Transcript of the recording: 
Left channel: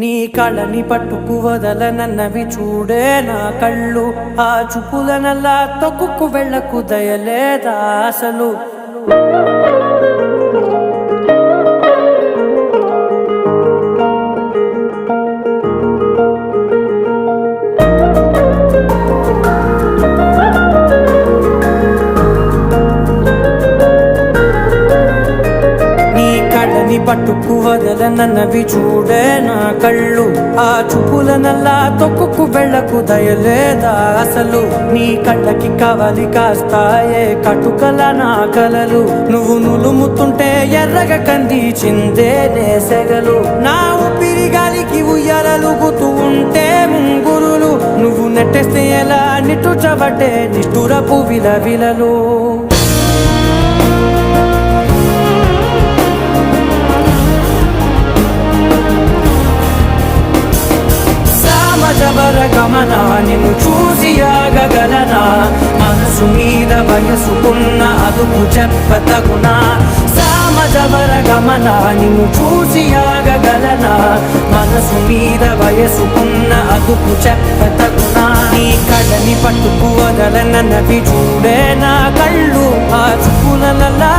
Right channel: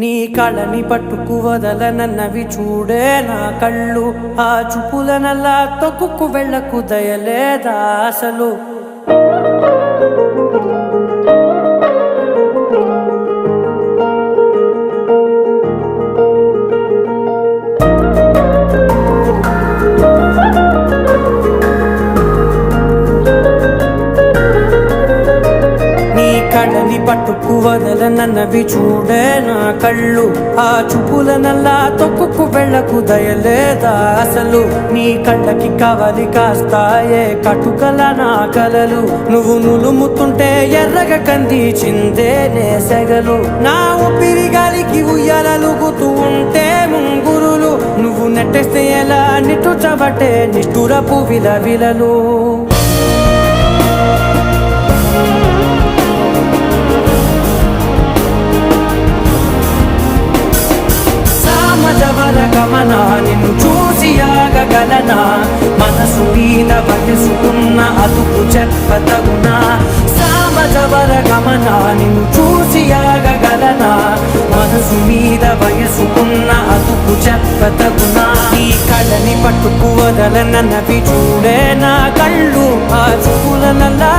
నీ కళని పట్టుకు వదలనన్నవి చూడే నా కళ్ళు. ఆ చూపులనల్లా తొక్కుకు వెళ్ళకు దయలేదా అసలు. కళ్ళని పట్టుకు వదలనన్నవి చూడే నా కళ్ళు. ఆ చూపులనల్లా తొక్కుకు వెళ్ళకు దయలేదా అసలు. నీ కళ్ళకి కవలి కాస్తాయే కటుకల నా కలలు. నువ్వు నులుముతుంటే ఎర్రగ కందిచిందే నేసెగలు. నా ఊపిరి గాలికి ఉయ్యాలలుగుతూ ఉంటే ముంగురులు. నువ్వు నెట్టేస్తే ఎలా నిట్టుచబట్టే నిష్ఠురపు విలవిలలు. నిన్ను చూసి ఆగగలనా, మనసు మీద వయసుకున్న అదుపు చెప్పతగునా. సామజవర గమన నిన్ను చూసి ఆగగలనా, మనసు మీద వయసుకున్న అదుపు చెప్పతగునా. నీ కళ్ళని పట్టుకు వదలనన్నవి చూడే నా కళ్ళు. ఆ చూపులనల్లా